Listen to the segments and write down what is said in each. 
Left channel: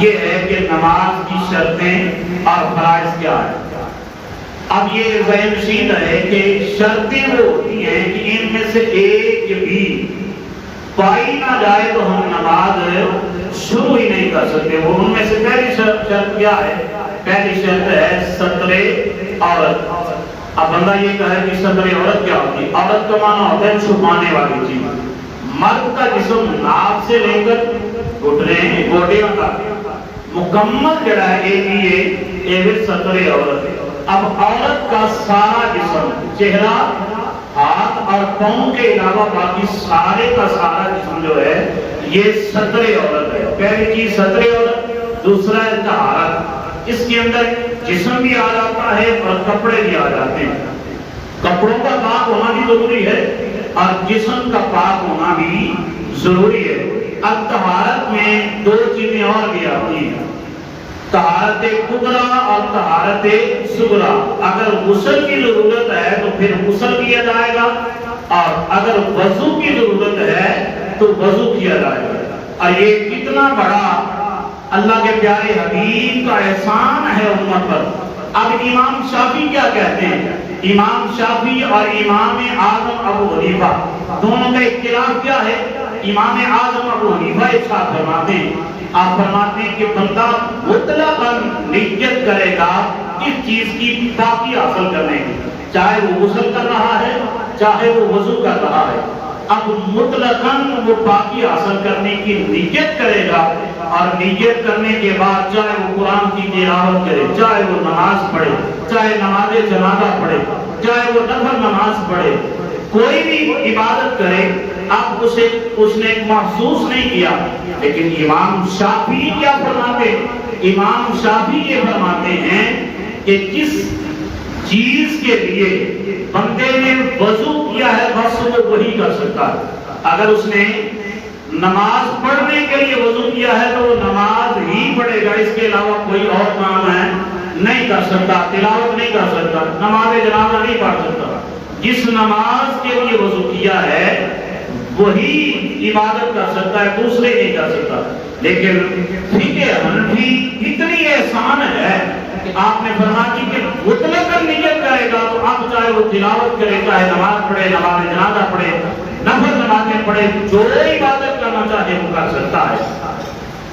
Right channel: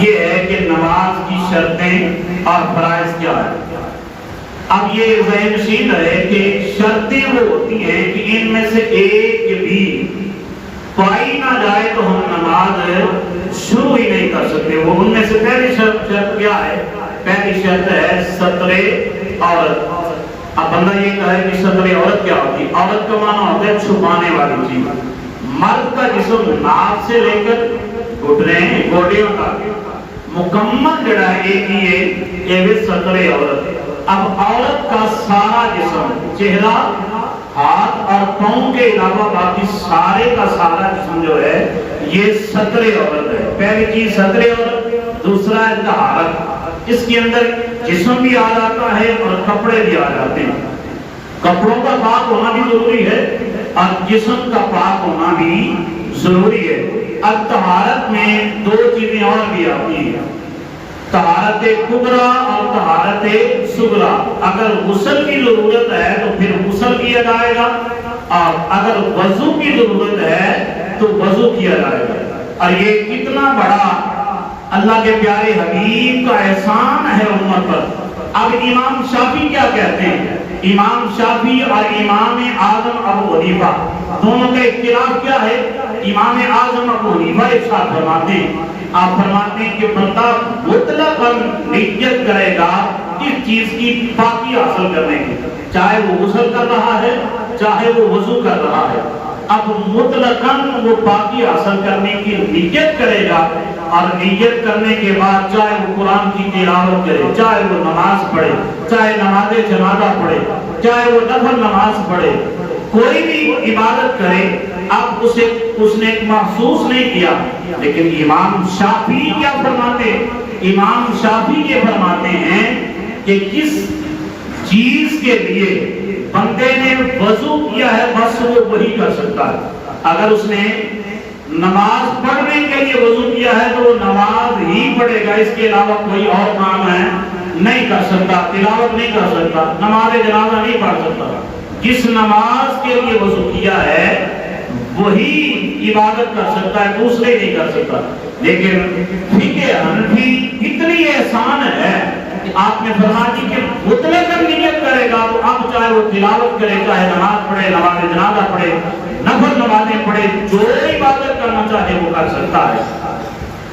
یہ ہے کہ نماز کی شرطیں اور فرائض کیا ہے۔ اب یہ ذہن نشین ہے کہ شرطیں وہ ہوتی ہیں کہ ان میں سے ایک بھی پائی نہ جائے تو ہم نماز شروع ہی نہیں کر سکتے۔ وہ ان میں سے پہلی شرط کیا ہے؟ پہلی شرط ہے ستر عورت۔ اب بندہ یہ کہے کہ ستر عورت کیا ہوتی ہے؟ عورت کا معنی ہوتا ہے چھپانے والی چیز۔ مرد کا جسم ناف سے لے کر گھٹنے گوٹیوں تک مکمل جڑا ہے یہ ستر عورت۔ اب عورت کا سارا جسم، چہرہ، ہاتھ اور پاؤں کے علاوہ باقی سارے کا سارا جسم جو ہے یہ ستر عورت ہے۔ پہلی چیز ستر عورت، دوسرا ہے طہارت۔ اس کے اندر جسم بھی آ جاتا ہے اور کپڑے بھی آ جاتے ہیں۔ کپڑوں کا پاک ہونا بھی ضروری ہے اور جسم کا پاک ہونا بھی ضروری ہے۔ اب طہارت میں دو چیزیں اور بھی آتی ہیں، طہارت کبریٰ اور طہارت صغریٰ۔ اگر غسل کی ضرورت ہے تو پھر غسل کیا جائے گا، اور اگر وضو کی ضرورت ہے تو وضو کیا جائے گا۔ اور یہ کتنا بڑا اللہ کے پیارے حبیب کا احسان ہے امت پر۔ اب امام شافعی کیا کہتے ہیں؟ امام شافعی اور امام اعظم ابو حنیفہ دونوں کا اختلاف کیا ہے؟ امام اعظم ابو حنیفہ ارشاد فرماتے ہیں، آپ فرماتے ہیں کہ بندہ مطلقاً نیت کرے گا کس چیز کی پاکی حاصل کرنے کی، چاہے وہ غسل کر رہا ہے چاہے وہ وضو کر رہا ہے۔ اب مطلقاً وہ پاکی حاصل کرنے کی نیت کرے گا، اور نیت کرنے کے بعد چاہے وہ قرآن کی تلاوت کرے، چاہے وہ نماز پڑھے، چاہے نماز جنازہ پڑھے، چاہے وہ نفل نماز پڑھے، کوئی بھی عبادت کرے، اب اس نے محسوس نہیں کیا۔ لیکن امام شافعی کیا فرماتے ہیں؟ امام شافعی یہ فرماتے ہیں کہ کس چیز کے لیے بندے نے وضو کیا ہے بس وہ وہی کر سکتا ہے۔ اگر اس نے نماز پڑھنے کے لیے وضو کیا ہے تو وہ نماز ہی پڑھے گا، اس کے علاوہ کوئی اور کام ہے نہیں کر سکتا، تلاوت نہیں کر سکتا، نماز جنازہ نہیں پڑھ سکتا۔ جس نماز کے لیے وضو کیا ہے وہی عبادت کر سکتا ہے، دوسرے نہیں کر سکتا۔ لیکن فقہ حنفی اتنی احسان ہے کہ آپ نے فرمایا کہ مطلق نیت کرے گا تو اب چاہے وہ تلاوت کرے، چاہے نماز پڑھے، نماز جنازہ پڑھے، نفل نمازیں پڑھے، جو عبادت کرنا چاہے وہ کر سکتا ہے۔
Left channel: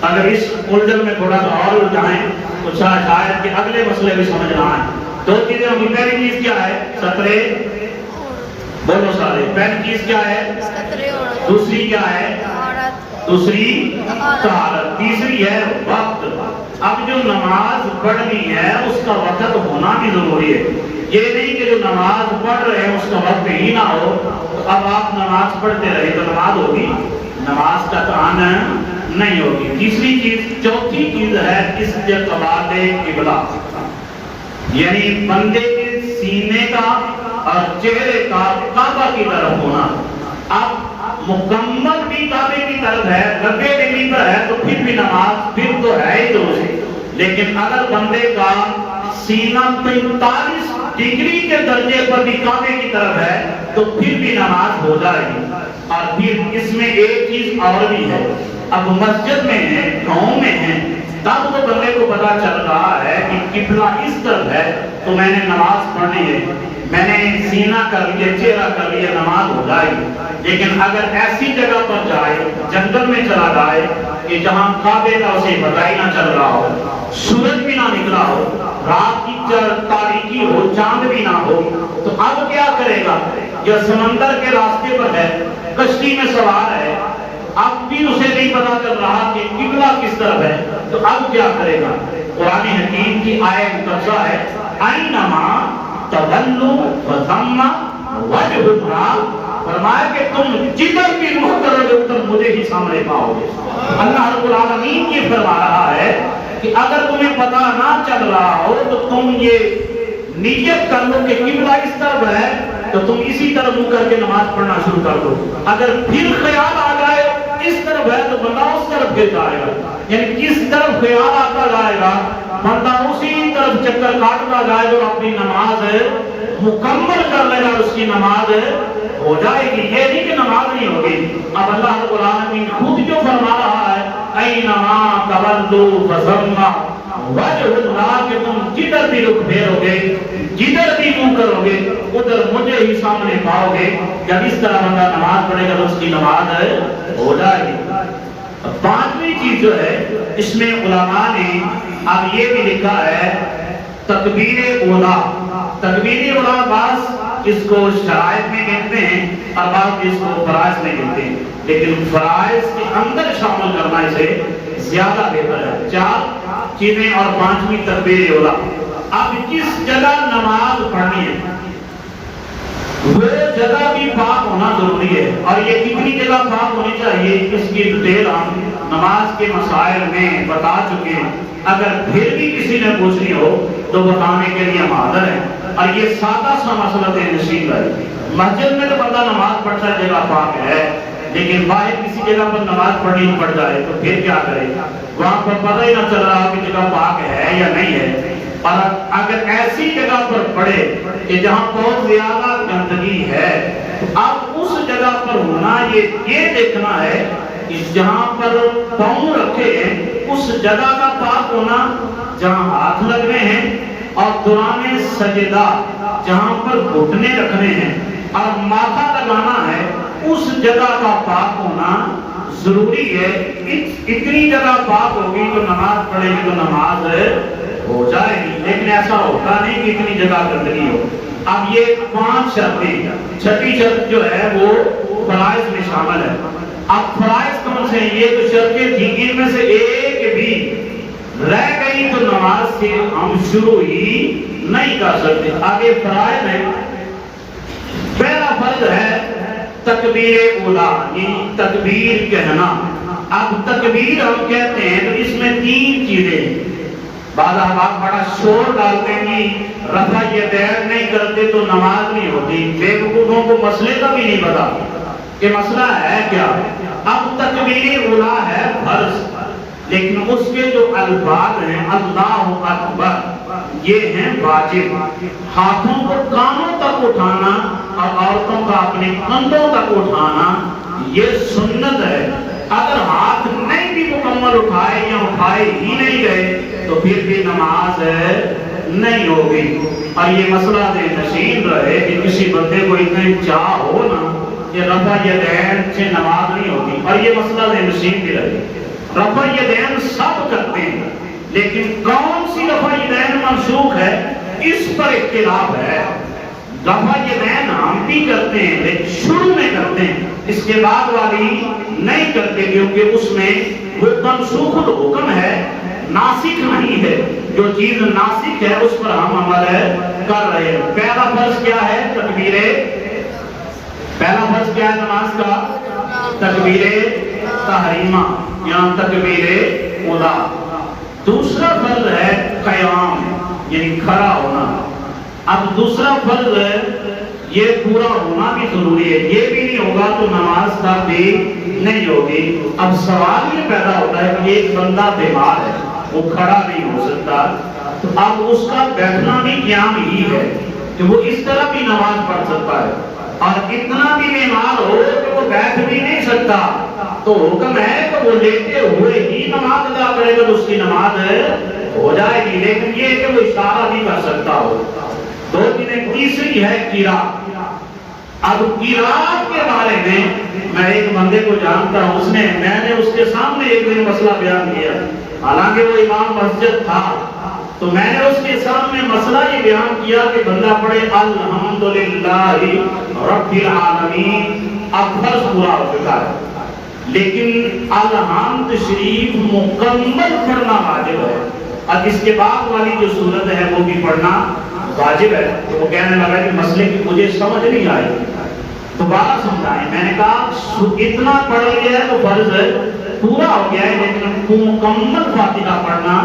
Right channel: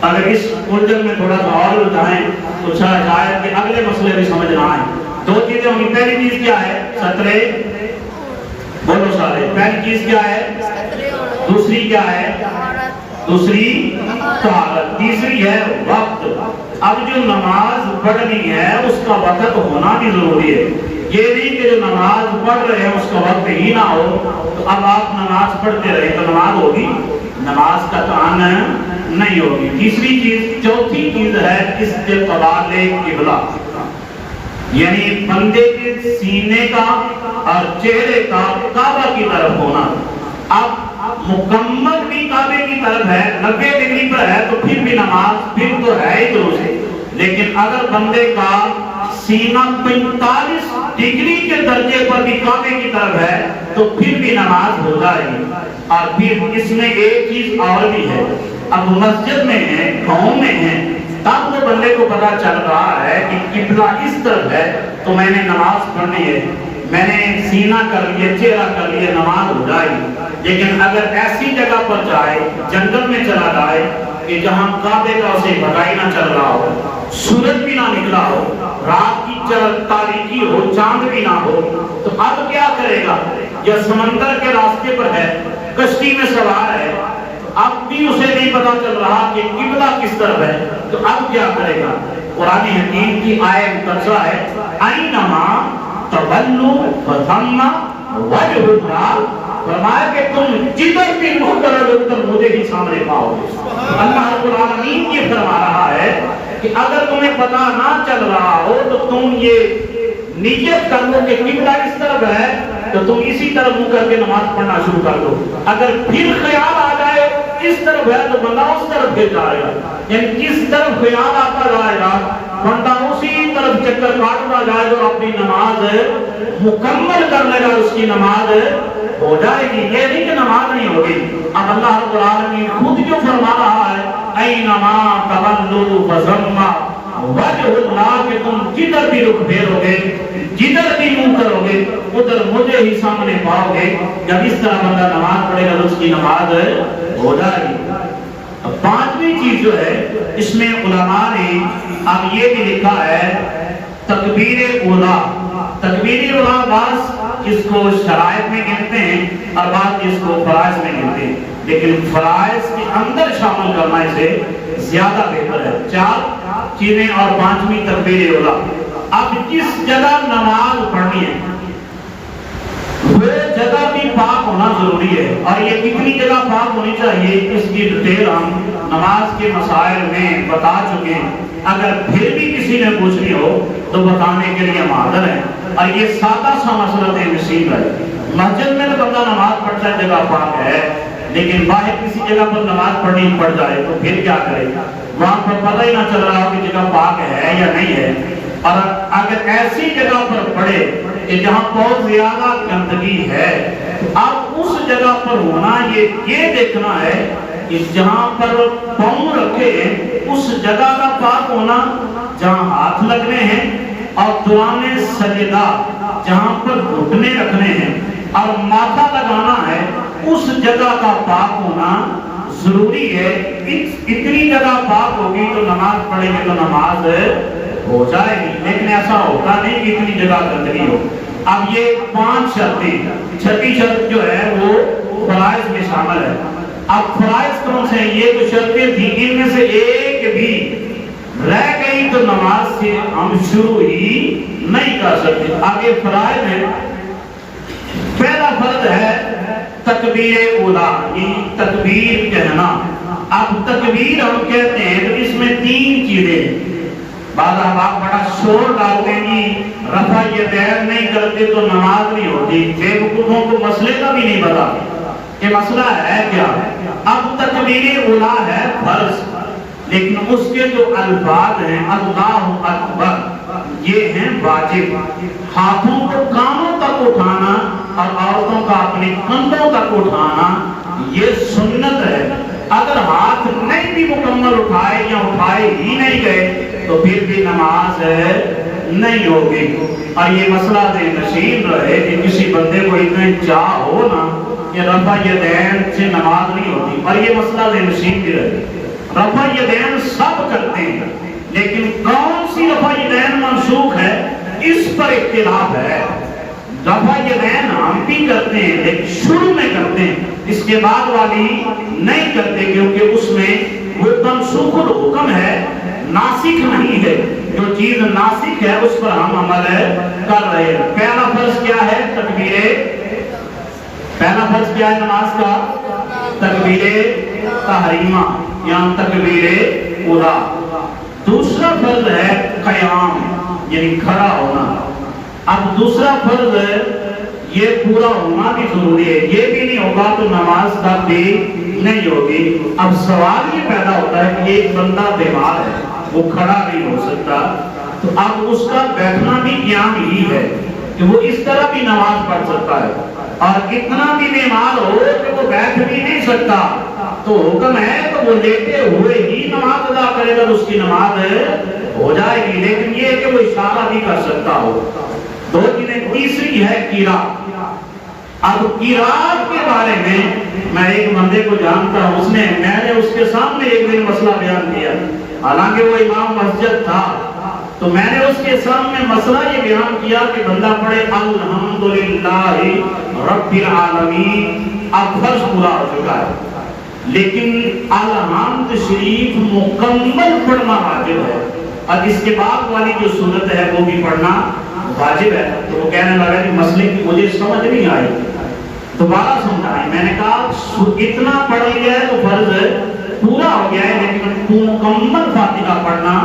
اگر اس الجھن میں تھوڑا سا اور الجھائیں تو شاید کہ اگلے مسئلے بھی سمجھ نہ آئیں۔ دو چیزیں ہوں گی، پہلی چیز کیا ہے؟ سترے، بولو سارے، پہلی چیز کیا ہے؟ دوسری کیا ہے؟ دوسری طہارت، تیسری ہے وقت۔ اب جو نماز پڑھنی ہے اس کا وقت ہونا بھی ضروری ہے۔ یہ نہیں کہ جو نماز پڑھ رہے ہیں اس کا وقت ہی نہ ہو تو اب آپ نماز پڑھتے رہے تو نماز ہوگی؟ نماز کا کان نہیں ہوگی۔ تیسری چیز، چوتھی چیز ہے استقبال قبلہ، یعنی بندے کے سینے کا اور چہرے کا کعبہ کی طرف ہونا۔ اب مکمل بھی کعبے کی طرف ہے، 90 ڈگری پر ہے تو پھر بھی نماز پھر تو ہے ہی درست۔ لیکن اگر بندے کا سینہ 45 ڈگری کے درجے پر بھی کعبے کی طرف ہے تو پھر بھی نماز ہو جائے گی۔ اور پھر اس میں ایک چیز اور بھی ہے، اب مسجد میں ہے، گاؤں میں ہے، تب تو بندے کو پتا چل رہا ہے کہ قبلہ اس طرف ہے تو میں نے نماز پڑھنی ہے، میں نے سینہ کر لیا، چہرہ کر لیا، نماز ہو جائے گی۔ لیکن اگر ایسی جگہ پر جائے، جنگل میں چلا جائے کہ جہاں کعبے کا اسے پتہ ہی نہ چل رہا ہو، سورج بھی نہ نکلا ہو، رات کی تاریکی ہو، چاند بھی نہ ہو، تو اب کیا کرے گا؟ یا سمندر کے راستے پر ہے، کشتی میں سوار ہے، اب بھی اسے نہیں پتا چل رہا کہ قبلہ کس طرف ہے، تو اب کیا کرے گا؟ قرآن حکیم کی آیت مقتضا ہے اینما تولوا فثم وجہ اللہ، فرمایا کہ تم جدھر بھی رخ کرو گے مجھے ہی سامنے پاؤ گے۔ اللہ رب العالمین یہ فرما رہا ہے کہ اگر تمہیں پتا نہ چل رہا ہو تو تم یہ نیت کر لو کہ قبلہ اس طرف ہے تو تم اسی طرف منہ کر کے نماز پڑھنا شروع کر دو۔ اگر پھر خیال آ جائے اس طرف ہے تو بندہ اس طرف پھر جائے گا، یعنی کس طرف خیال آتا جائے گا بندہ اسی طرف چکر کاٹتا جائے گا اور اپنی نماز مکمل کر لے گا، اس کی نماز ہو جائے گی۔ یہ نہیں کہ نماز نہیں ہوگی۔ اب اللہ رب العالمین خود جو فرما رہا ہے اینما تولوا فثم وجہ اللہ کہ تم جدھر بھی رخ پھیرو گے جدھر بھی منہ کرو گے ادھر مجھے ہی سامنے پاؤ گے. جب اس طرح بندہ نماز پڑھے گا تو اس کی نماز ہو جائے گی. پانچویں چیز جو ہے اس میں علماء نے اب یہ بھی لکھا ہے تکبیر اولا. تکبیر اولا بعض اس کو شرائط میں کہتے ہیں اور بعض اس کو فرائض میں کہتے ہیں, لیکن فرائض کے اندر شامل کرنا اسے زیادہ بہتر ہے. 4 چیزیں اور 5ویں تکبیر اولا. اب جس جگہ نماز پڑھنی ہے وہ جگہ بھی پاک ہونا ضروری ہے, اور یہ کتنی جگہ پاک ہونی چاہیے اس کی ڈیٹیل ہم نماز کے مسائل میں بتا چکے ہیں. اگر پھر بھی کسی نے پوچھنی ہو تو بتانے کے لیے ہم حاضر ہیں. اور یہ سادہ سا مسئلہ نصیب ہے. مسجد میں تو بندہ نماز پڑھتا ہے جگہ پاک ہے, لیکن باہر کسی جگہ پر نماز پڑھنی پڑ جائے تو پھر کیا کرے؟ وہاں پر پتہ ہی نہ چل رہا کہ جگہ پاک ہے یا نہیں ہے. اور اگر ایسی جگہ پر پڑھے کہ جہاں بہت زیادہ گندگی ہے, اب اس جگہ پر ہونا یہ دیکھنا ہے کہ جہاں پر پاؤں رکھے اس جگہ کا پاک ہونا, جہاں ہاتھ لگنے ہیں اور دوران سجدہ جہاں پر گھٹنے رکھنے ہیں اور ماتھا لگانا ہے اس جگہ کا پاک ہونا ضروری ہے. اتنی جگہ پاک ہوگی تو نماز پڑھے گی تو نماز ہو جائے گی, لیکن ایسا ہوتا نہیں کہ اتنی جگہ گندگی ہو. اب یہ 5 شرطیں, 6ٹھی شرط جو ہے وہ فرائض میں شامل ہے. اب فرائض کون سے ہیں؟ یہ جو شرطیں تھیں ان میں سے ایک بھی رہ گئی تو نماز سے ہم شروع ہی نہیں کر سکتے. آگے فرائض ہے. پہلا فرض ہے تکبیر اولا, یہ تکبیر کہنا. اب تکبیر ہم کہتے ہیں تو اس میں 3 چیزیں ہیں. بعض احباب بڑا شور ڈالتے ہیں رفع یدین نہیں کرتے تو نماز نہیں ہوتی. بے وقوفوں کو مسئلے کا بھی نہیں پتا کہ مسئلہ ہے کیا. اب تکبیر اولا ہے فرض, لیکن اس کے جو الفاظ ہیں اللہ اکبر یہ ہیں واجب. ہاتھوں کو کانوں تک اٹھانا اور عورتوں کا اپنے کندھوں تک اٹھانا یہ سنت ہے. اگر ہاتھ نہیں بھی مکمل اٹھائے یا اٹھائے ہی نہیں گئے تو پھر بھی نماز نہیں ہوگی. اور یہ مسئلہ نشین رہے کہ کسی بندے کو اتنا چاہ ہو نا کہ رفع یدین سے نماز نہیں ہوتی, اور یہ مسئلہ نشین بھی رہے. رفع یدین سب کرتے ہیں, لیکن کون سی رفع یدین منسوخ ہے اس پر اختلاف ہے. رفع یدین ہم بھی کرتے ہیں لیکن شروع میں کرتے ہیں, اس کے بعد والی نہیں کرتے, کیونکہ اس میں وہ منسوخ الحکم ہے, ناسخ نہیں ہے. جو چیز ناسخ ہے اس پر ہم عمل کر رہے ہیں. پہلا فرض کیا ہے؟ تکبیر. پہلا فرض کیا ہے نماز کا؟ تکبیر تحریمہ یا تکبیر اولا. دوسرا فرض ہے قیام یعنی کھڑا ہونا. اب دوسرا فرض یہ پورا ہونا بھی ضروری ہے, یہ بھی نہیں ہوگا تو نماز کا بھی نہیں ہوگی. اب سوال یہ پیدا ہوتا ہے کہ ایک بندہ بیمار ہے, وہ کھڑا نہیں ہو سکتا, تو اب اس کا بیٹھنا بھی قیام ہی ہے کہ وہ اس طرح بھی نماز پڑھ سکتا ہے. اور اتنا بھی بیمار ہو کہ وہ بیٹھ بھی نہیں سکتا تو حکم ہے تو وہ لیتے ہوئے ہی نماز ادا کرے گا, اس کی نماز ہو جائے گی. لیکن یہ کہ وہ اشارہ بھی کر سکتا ہو. 2 چیزیں. تیسری ہے قراءت. اب قراءت کے بارے میں ایک بندے کو جانتا ہوں, میں نے اس کے سامنے ایک دن مسئلہ بیان کیا, حالانکہ وہ امام مسجد تھا, تو میں نے اس کے سامنے مسئلہ یہ بیان کیا کہ بندہ پڑھے الحمدللہ رب العالمین. اب فرض پورا ہو چکا ہے, لیکن الحمد شریف مکمل پڑھنا واجب ہے, اور اس کے بعد والی جو سورت ہے وہ بھی پڑھنا واجب ہے. تو وہ کہنے لگا کہ مسئلے کی مجھے سمجھ نہیں آئی, دوبارہ سمجھائیں. میں نے کہا اتنا پڑھ لیا ہے تو فرض پورا ہو گیا ہے, لیکن مکمل فاتحہ پڑھنا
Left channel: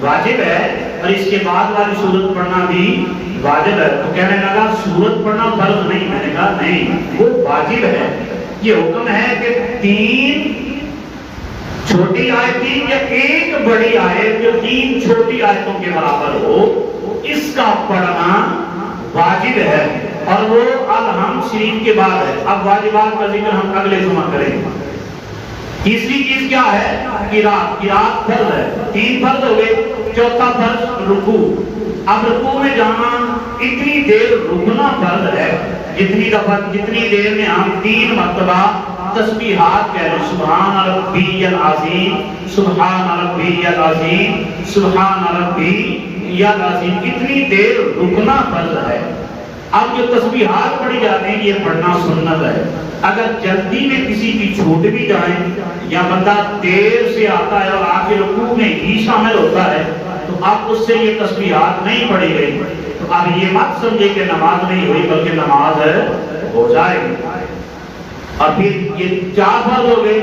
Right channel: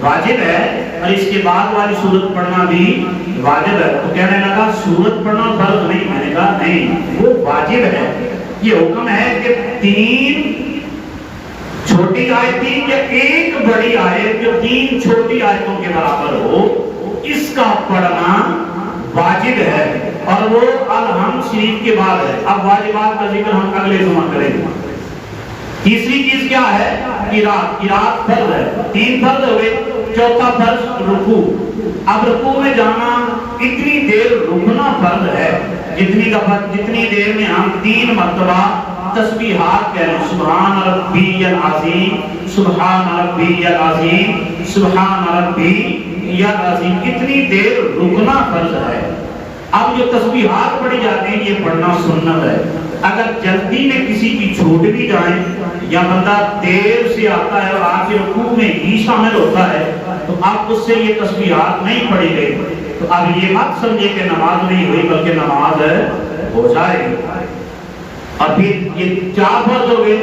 واجب ہے اور اس کے بعد والی سورت پڑھنا بھی واجب ہے. تو کہنے لگا سورت پڑھنا فرض نہیں. میں نے کہا نہیں, وہ واجب ہے. یہ حکم ہے کہ 3 چھوٹی آیتیں یا ایک بڑی آیت جو 3 چھوٹی آیتوں کے برابر ہو اس کا پڑھنا واجب ہے, اور وہ الحمد شریف کے بعد ہے. اب واجبات کا ذکر ہم اگلے جمعہ کریں گے. تیسری چیز کیا ہے؟ قرات فرض ہے، 3 فرض ہوئے، چوتھا فرض رکوع۔ اب رکوع میں جانا اتنی دیر رکنا فرض ہے جتنی دیر میں ہم 3 مرتبہ تسبیحات کہہ لیں، سبحان ربی العظیم، سبحان ربی العظیم، سبحان ربی العظیم، اتنی دیر رکنا فرض ہے۔ اب جو تسبیحات پڑھی جاتی ہیں یہ پڑھنا سنت ہے۔ اگر جلدی میں کسی کی چھوٹ بھی جائیں یا بندہ دیر سے آتا ہے اور آ کے رکوع میں ہی شامل ہوتا ہے تو اب اس سے یہ تسبیحات نہیں پڑھی گئی تو اب یہ مت سمجھے کہ نماز نہیں ہوئی، بلکہ نماز ہو جائے گی۔ اور پھر یہ 4 فرض ہو گئے،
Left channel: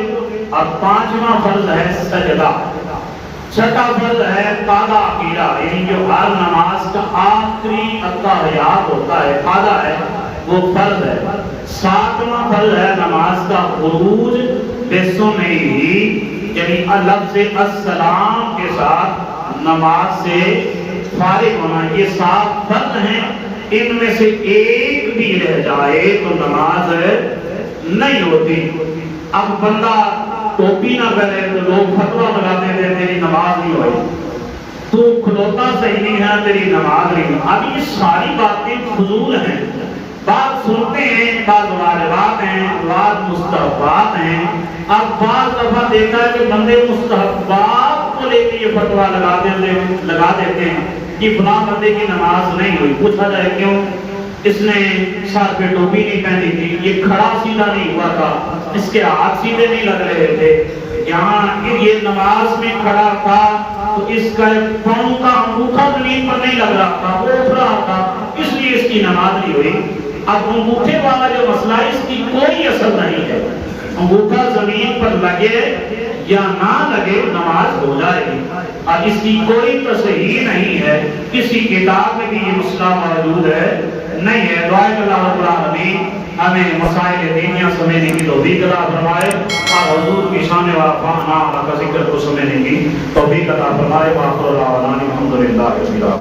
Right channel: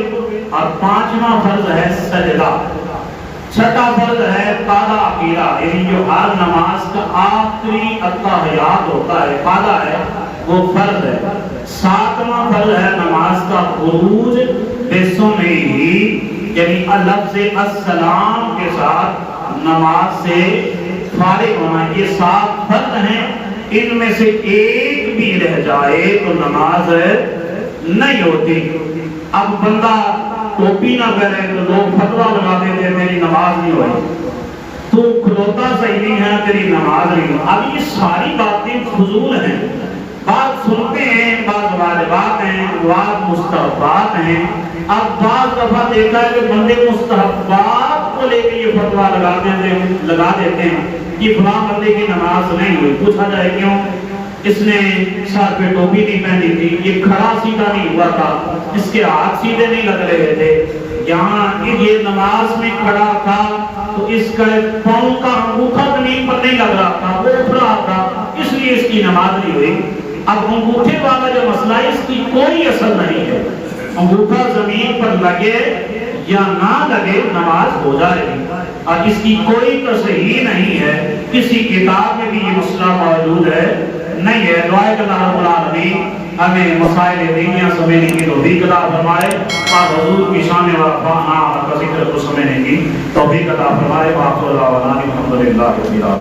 اور 5واں فرض ہے سجدہ، 6واں فرض ہے قاعدہ عقیدہ، یعنی جو ہر نماز کا آخری التحیات ہوتا ہے قاعدہ ہے وہ فرض ہے۔ 7واں فرض ہے نماز کا خروج بسمہ ہی، یعنی لفظ السلام کے ساتھ نماز سے فارغ ہونا۔ یہ 7 فرض ہیں، ان میں سے ایک بھی رہ جائے تو نماز نہیں ہوتی۔ اب بندہ ٹوپی نہ پہنے تو لوگ فتویٰ لگاتے ہیں میری نماز نہیں ہوئی، تو کھلوتا صحیح نہیں ہے تیری نماز نہیں ہوئی۔ اب یہ ساری باتیں فضول ہیں، بات سنتے ہیں، بعض واجبات ہیں، بعض مستحبات ہیں۔ اب بعض دفعہ دیکھا ہے کہ بندے مستحبات کو لے کے یہ فتویٰ لگا دیتے ہیں کہ فلاں بندے کی نماز نہیں ہوئی۔ پوچھا جائے کیوں؟ اس نے سر پہ ٹوپی نہیں پہنی تھی، یہ کھڑا سیدھا نہیں ہوا تھا، اس کے ہاتھ سیدھے نہیں لگ رہے تھے، یہاں یہ نماز میں کھڑا تھا تو اس کا پاؤں کا انگوٹھا زمین پر نہیں لگ رہا تھا، وہ اٹھ رہا تھا، اس لیے اس کی نماز نہیں ہوئی۔ اب انگوٹھے والا جو مسئلہ ہے اس کی کوئی اثر نہیں ہے، انگوٹھا زمین پر لگے یا نہ لگے نماز ہو جائے گی، اور اس کی کوئی تصحیح نہیں ہے، کسی کتاب میں بھی یہ مسئلہ موجود ہے نہیں ہے۔ دعائے کہ اللہ رب العالمین ہمیں مسائل دینیاں سمجھنے کی توفیق عطا فرمائے، اور حضور کی شان و افعال کا ذکر کو سمجھنے کی توفیق عطا فرمائے۔ وآخر دعوانا الحمدللہ رب العالمین۔